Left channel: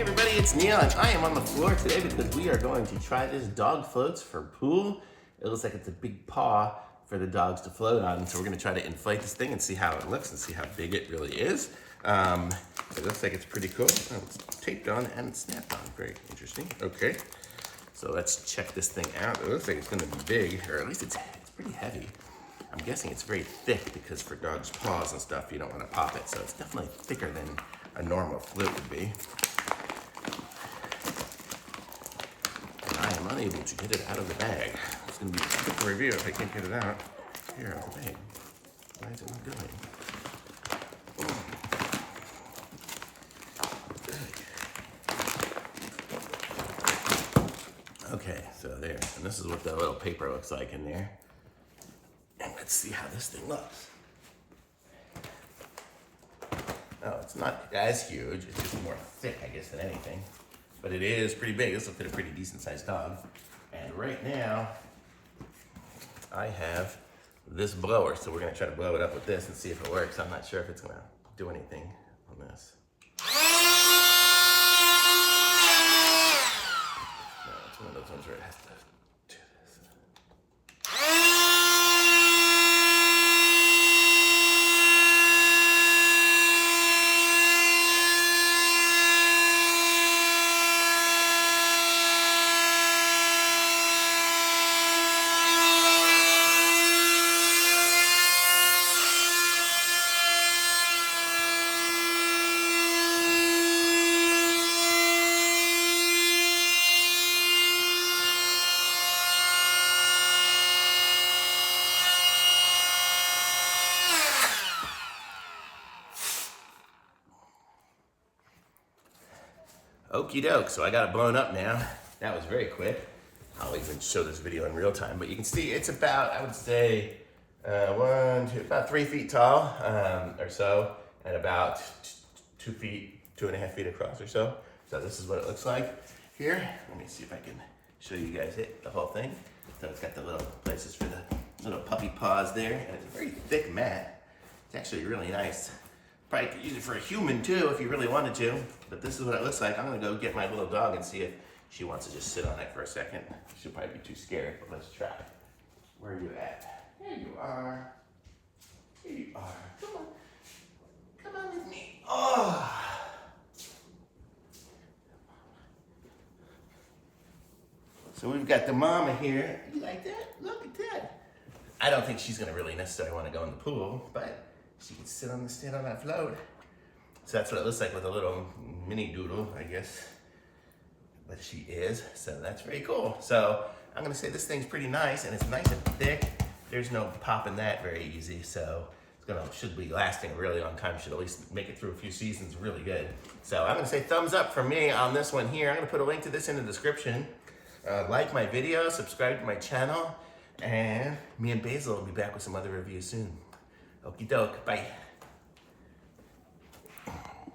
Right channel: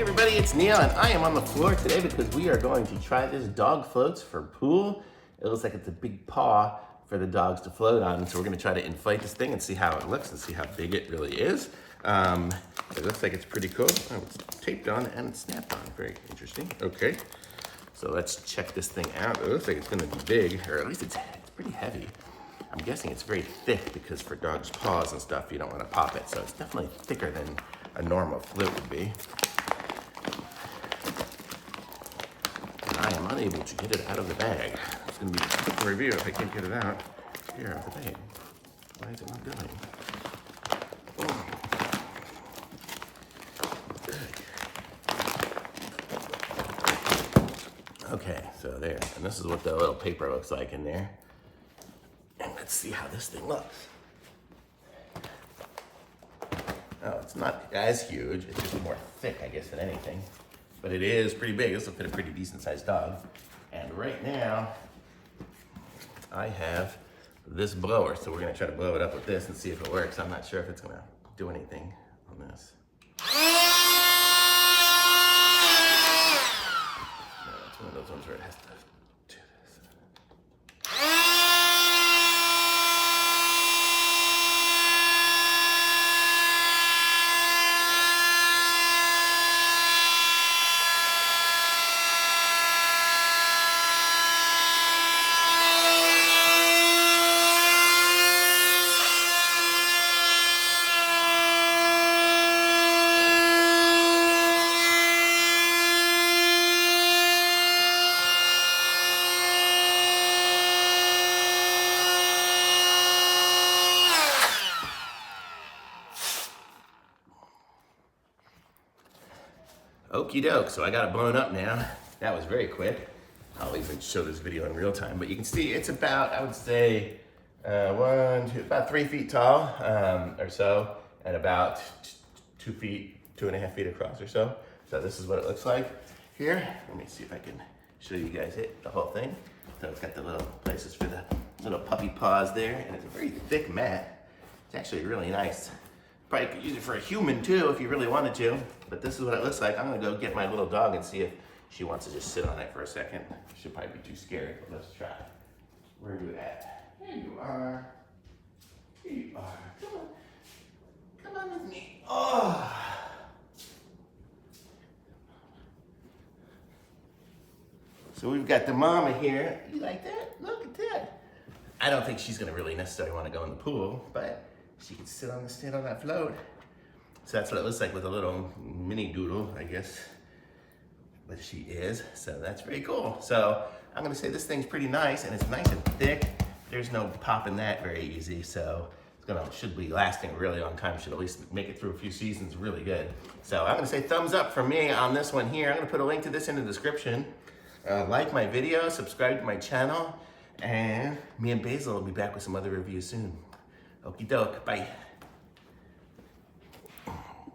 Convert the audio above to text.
Hey everybody, it's Neil and I am on the floor today because we are going to try this dog floats for pool. It looks like it's a big paw for the dogs to float on. So we're gonna try to inflate this thing and see how it looks and see how big it really is. It looks like it's pretty cool. Oh, it's taped on and it's snapped on, very interesting. Okay, so let's check this thing out. It looks like it's gonna be big, or at least it's pretty heavy. I'm guessing it's very thick because for dogs' paws and stuff, you don't wanna pop it. So it's definitely thicker than a normal float would be. I am unable to get it out of the bag. It's going to be a quick review if I can't get it out here of the bag. Why is it not going? Oh. Okay, so there. And this is what the little paper looks like in there. And let's see how this thing looks. Oh, it's not as huge. It's just more thick, I guess, than anything. But it is pretty big. This will fit a pretty decent sized dog. And right now, I have this blower. So we're gonna try to blow it up with this and see if it works. I'm not sure if it's gonna do anything on this. No, it's one of those ones where it has to do this. Okie doke, so I got it blown up now. That was very quick. I'll even show this video in real time, but you can see it's about, I would say, about 3 feet tall or so, and about 2 feet, 2.5 feet across or so. So this is what it looks like here. Let me see if I can show you guys the whole thing. So it's got the little places for the little puppy paws there, and it's a very thick mat. It's actually really nice. Probably could use it for a human too if you really wanted to, but this is what it looks like. I'm gonna go get my little dog and see if she wants to just sit on it for a second. She'll probably be too scared, but let's try. Where are you at? Here you are. Here you are. Come on. Come on with me. Oh. So we've got the mama here. You like that? Look at that. I don't think she's gonna really necessarily want to go in the pool, but she can sit on that float. So that's what it looks like with a little mini doodle, I guess. But she is, so that's very cool. So I'm gonna say this thing's pretty nice, and it's nice and thick. There's no popping that very easy, so should be lasting a really long time. Should at least make it through a few seasons really good. So I'm gonna say thumbs up for me on this one here. I'm gonna put a link to this in the description. Like my video, subscribe to my channel, and me and Basil will be back with some other reviews soon. Okie doke, bye.